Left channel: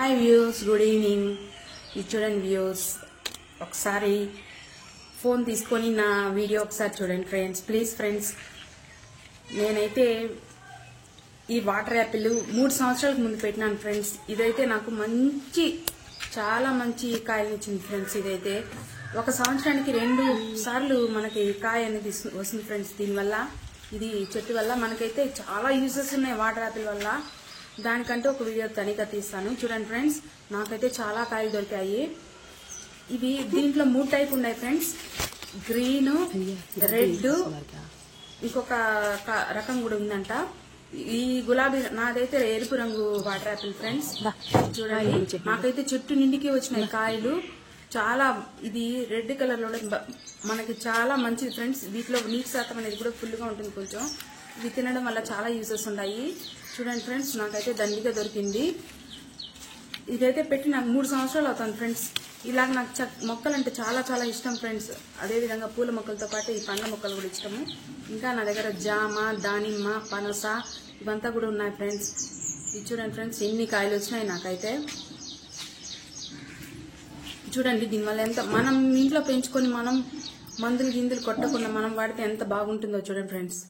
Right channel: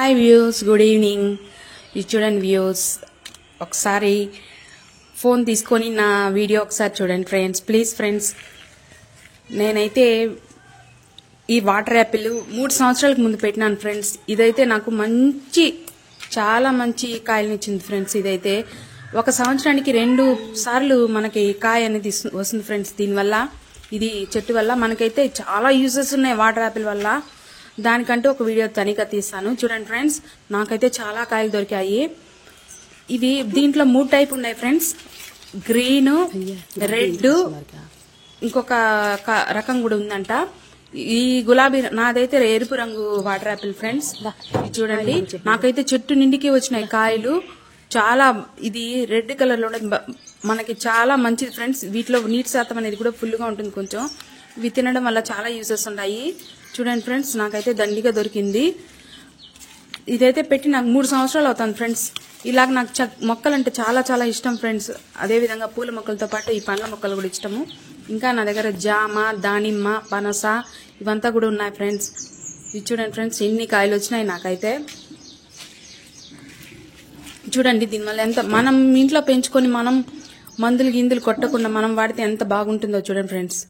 Hi views, good evening. ఇది చూడండి views, ఒకసారి ఫోన్ తీసుకొని నా వీడియో ఒకసారి చూడండి ఫ్రెండ్స్, ప్లీజ్ ఫ్రెండ్స్. నేనైతే ఈ వాటర్ యాపిల్ 3 సంవత్సరాలకు ముందు పెట్టినాను ఫ్రెండ్స్. ఇదైతే నాకు చాలా మంచి కాయలనిచ్చింది ఫ్రెండ్స్. ఇదైతే 1 సంవత్సరానికి 2 సార్లు మనకి కాయ అనేది వస్తుంది ఫ్రెండ్స్. దీనివల్ల ఇది చెట్టు వల్ల మనకైతే చాలా యూజెస్ ఉన్నాయి వాటర్ యాపిల్ వల్ల. దానికంటే ఒక వీడియో తనిఖీ తీస్తాను చూడండి ఫ్రెండ్స్. నాకైతే చాలా కాయలు దొరికాయి. ఇవి దీంట్లో 3 టైప్ ఉన్నాయి ఫ్రెండ్స్, గ్రీన్, రెడ్, ఇంకొక రకం కూడా ఉందంట. ఈ గులాబీ నాదైతే ఎరుపు రంగు వాటర్ యాపిల్ ఫ్రెండ్స్. చూడండి, నాకైతే చెట్టు నిండికి వచ్చినాయి కాయలు. చాలా ఇది రెడ్ కలర్ లో మనకి చాలా మంచిది ఫ్రెండ్స్. వీటిలో నీటి శాతం అనేది కూడా ఫుల్ గా ఉంటుంది కొంచెం. ఇవి తినడం వల్ల చాలా యూజెస్ ఉన్నాయి. చూడండి ఫ్రెండ్స్, నాకైతే దండిగా దొరికింది. ఇదైతే పెట్టి నాకు 3 సంవత్సరాలు అవుతుంది ఫ్రెండ్స్. ఇలాగ నాకు మొక్కలంటే చాలా చాలా ఇష్టం ఫ్రెండ్స్. అదేవిధంగా పూల మొక్కలతో పాటు ఈ పండ్ల మొక్కలు కూడా ఇష్టము. ఇంకా నా దగ్గర జామ, దానిమ్మ, పనస ఇవంతా కూడా ఉన్నాయి ఫ్రెండ్స్. ఇది చూడండి ఫ్రెండ్స్, ఎన్ని కాయలు వచ్చినాయి నాకైతే. చూడండి, దీనివల్ల ఎంత మనం ఇంట్లో పెంచుకొని మనం మందులు గిందులు కొట్టకుండా మనం వాడితే ఎంత బాగుంటుందో చూడండి ఫ్రెండ్స్.